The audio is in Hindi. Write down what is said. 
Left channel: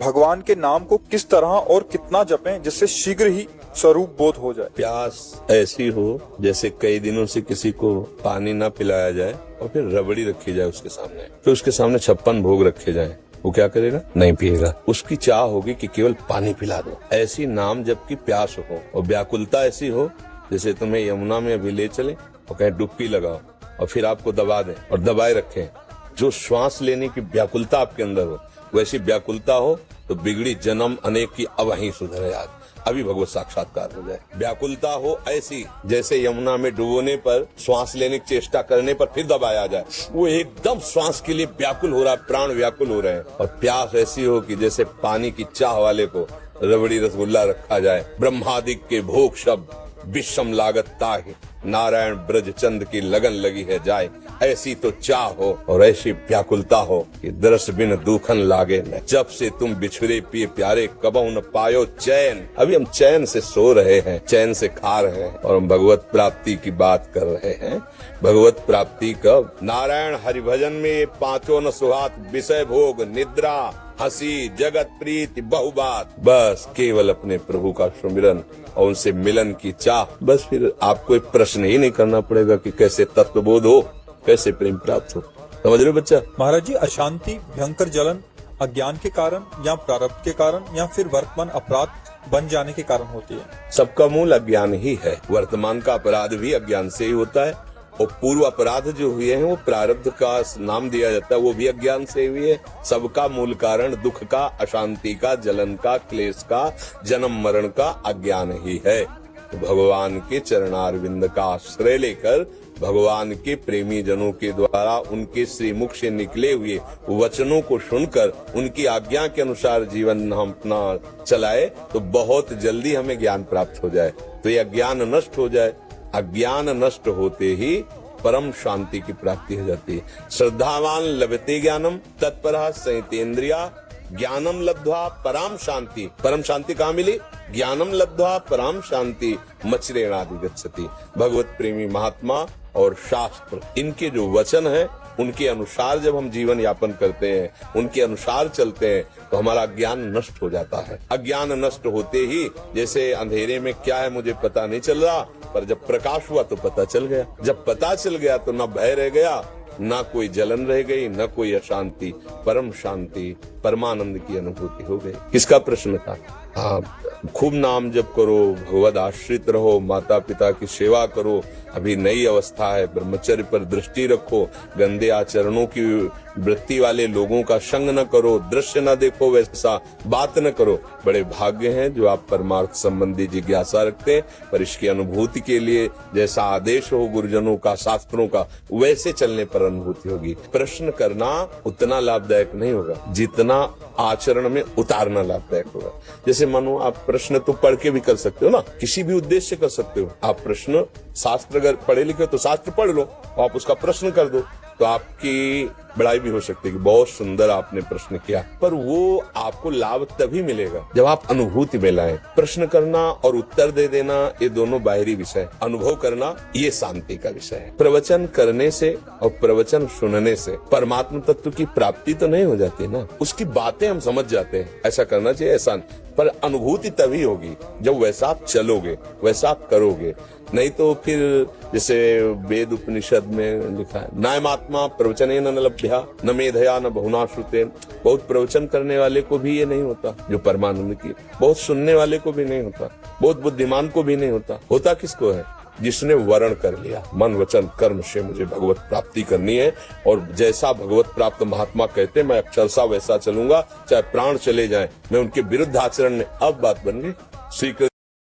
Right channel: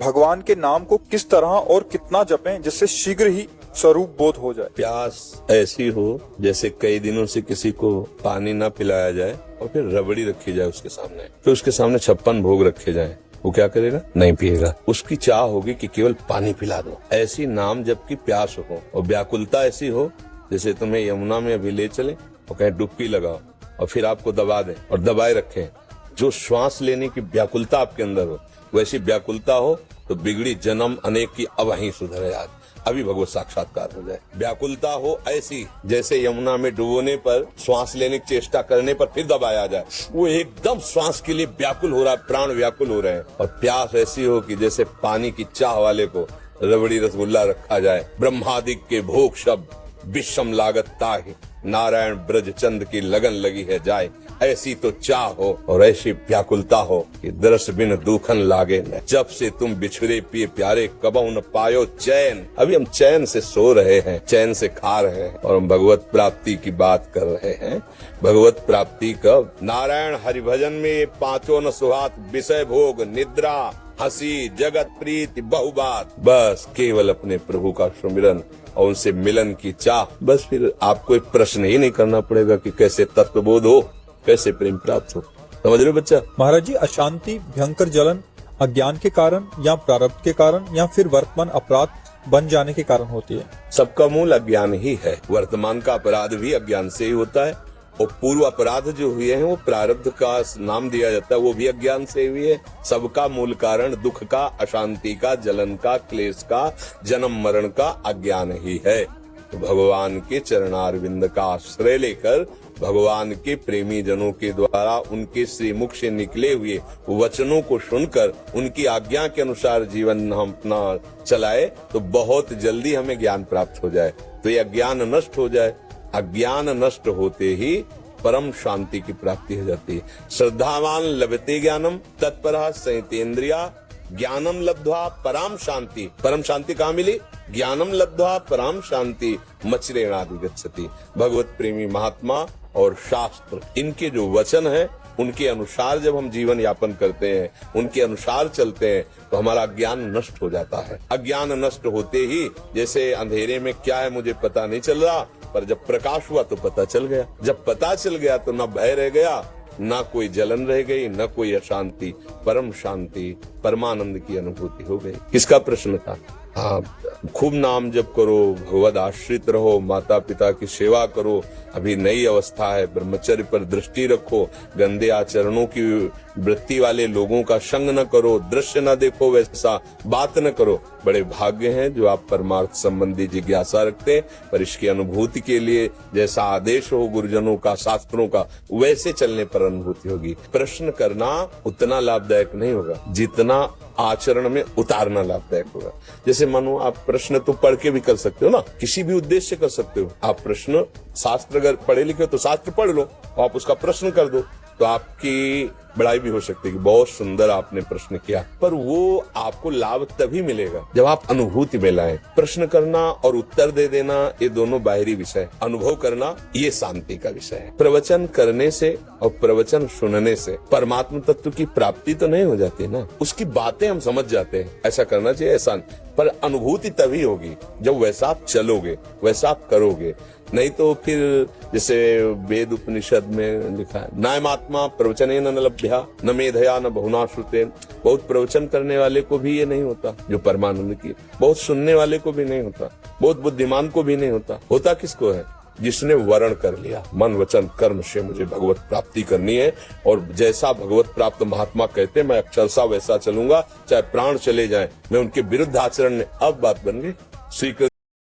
भगवान के नाम को किस तरह और कितना जपें जिससे शीघ्र ही स्वरूप बोध हो जाए। प्यास ऐसी हो जैसे कई दिनों से किसी को पानी ना पिलाया जाए और फिर रबड़ी रखी जाए उसके सामने, फिर उसके सामने 56 भोग रखे जाए, वो क्या करेगा? नहीं पिएगा। उसकी चाह होगी कि केवल पानी पिला दो। ऐसी नाम जबकि प्यास हो और व्याकुलता ऐसी हो जैसे तुम्हें यमुना में अभी ले चले और कहीं डुबकी लगाए और फिर आपको दबा दे और दबाए रखे, जो श्वास लेने की व्याकुलता आपके अंदर हो, वैसी व्याकुलता हो तो बिगड़ी जन्म अनेक की अब वहीं सुधरे आज, अभी भगवत साक्षात्कार हो जाए। व्याकुलता हो ऐसी जैसे यमुना में डुबोने पर श्वास लेने की चेष्टा करने पर फिर दबाया जाए, वो एकदम श्वास के लिए व्याकुल हो रहा है, प्राण व्याकुल हो रहे हैं। और प्यास ऐसी हो कि जैसे पानी की चाह वाले को रबड़ी रसगुल्ला रखा जाए। ब्रह्मादिक के भोग शब्द विषम लागत ताहि, नारायण ब्रज चंद की लगन लगी है जाए। ऐसी तो चाह हो और ऐसी व्याकुलता हो कि दरस बिन दुखन लागे न, जब से तुम बिछड़े पिए प्यारे कबहू न पायो चैन। अभी हम चैन से सो रहे हैं, चैन से खा रहे हैं और हम भगवत प्राप्ति की बात कर रहे हैं। भगवत प्राप्ति कब? नारायण हरिभजन में ये पांचों न सुहात, विषय भोग निद्रा हंसी जगत प्रीति बहुबात, बस केवल अपने प्रभु का सुमिरन और उनसे मिलन की चाह। बस फिर आपको एक प्रश्न ही नहीं करना पड़ेगा कि कैसे तत्वबोध हो, कैसे प्रेम प्राप्त हो। समझ रहे बच्चा? महाराज जी, अशांति, भयंकर जलन अज्ञान के कारण या प्रारब्ध के कारण या फिर वर्तमान अपराध बन जाने के कारण होती है। सबका मूल अज्ञान ही है। वर्तमान का अपराध भी अज्ञान से ही होता है और पूर्व अपराध जो हुए हैं वो प्रारब्ध का नाम दिया जाता है, वो भी अज्ञान से हुए है। सबका मूल कारण दुख का, अशांति का, जलन का, क्लेश का, जन्म मरण का अज्ञान ही है। तो भगवान के चरणारविंद का आश्रय लेकर भगवान के प्रेमी जनों के द्वारा उनकी श्रीमुख से निकले हुए वचनों को सुनकर उनकी आज्ञा के अनुसार जीवन हम अपना चलाए तो बहुत जल्दी हमें ज्ञान प्राप्त हो जाए, तो ये अज्ञान नष्ट हो जाए। अज्ञान नष्ट होते ही परम शांति की प्राप्ति हो जाती है। श्रद्धावान लभते ज्ञानम तत्परः संयतेन्द्रिया ज्ञानम लब्ध्वा परम शांति। परम शांति कहाँ मिली? ज्ञानम लब्ध्वा परम शांति मच्रेणाधिगच्छति। भगवत प्रेमी महात्मा और शास्त्र, इनके जो वचन है उनके अनुसार जब हम जीवन यापन करते हैं, उनके अनुसार चलते हैं तो हमारा ज्ञान नष्ट हो जाता है। अज्ञान नष्ट होते ही जैसे अंधेरे में क्या है मुझे पता नहीं चल रहा, पर जब प्रकाश हुआ तो पता चल गया। जब पता चल गया तो न भय रह गया, न कोई जलन रह गई, न कोई अशांति, परम शांति, परमानंद की अनुभूति हो गई। किसका प्रश्न था? हाँ, खूब नाम जप करो, भगवद आश्रित रहो, माता पिता की सेवा करो, अभी नई अवस्था है, ब्रह्मचर्य पर दृष्टि रखो, गंदे आचरणों की वृत्ति वाले लोगों का संग न करो, दृश्य न देखो, वैसा बात न करो। बड़े भाग्य हैं जो आप परमार्थ संबंधी जिज्ञासा रखते हैं, पर इसकी अनुभूति के लिए जैसा आदेश हो गुरुजनों का, शास्त्रों का, वैसे चलने पर अनुभूति होगी। प्रश्न करना उतना लाभदायक नहीं होगा जितना आचरण में उतारना लाभदायक होगा। जैसे मानो आप प्रश्न तो पढ़ के भी कर सकते हो ना, किसी भी उद्देश्य से कर सकते हो। आप प्रश्न शास्त्र अगर पढ़े लिखे तो शास्त्र पढ़ लो, आप उसका प्रश्न कर दो तो आपकी बड़ाई भी हो सकती है कि बहुत सुंदर आपने प्रश्न किया, पर वो आपको लाभ तभी मिलेगा जब आप अनुभूति में लाएं। प्रश्न करना और उत्तर दे देना ये दोनों बाहरी विषय, अनुभव करना ये शांति का विषय है। प्रवचन करने से और प्रवचन सुनने से परमात्मा तत्व की प्राप्ति तो नहीं हो जाती ना, उसकी बातें हम समझ जाते हैं, ऐसा करना चाहिए ऐसा, पर अनुभूति तभी होगी जब वैसा आप चलोगे, वैसा आप करोगे। नहीं तो फिर जैसे वेद उपनिषद में लिखा है, नायमात्मा प्रवचनेन न लभ्या न मेधया न बहुना श्रुतेन। बहुत प्रवचन करने वाले को भी ये नहीं होता जो परमानंद की, बहुत सुनने वाले को भी नहीं होता, बहुत बुद्धिमान को भी नहीं होता। होता किसको है? जिसने वर्ण कर लिया, मन वचन कर्म से मुझे भगवत प्राप्ति करनी है और जैसा भगवत प्राप्त महात्मा कहते मैं अक्षरशः वैसा चलूंगा, चाहे प्राण चले जाए, मैं उनके विरुद्ध आचरण में। अब बात बन गई। श्री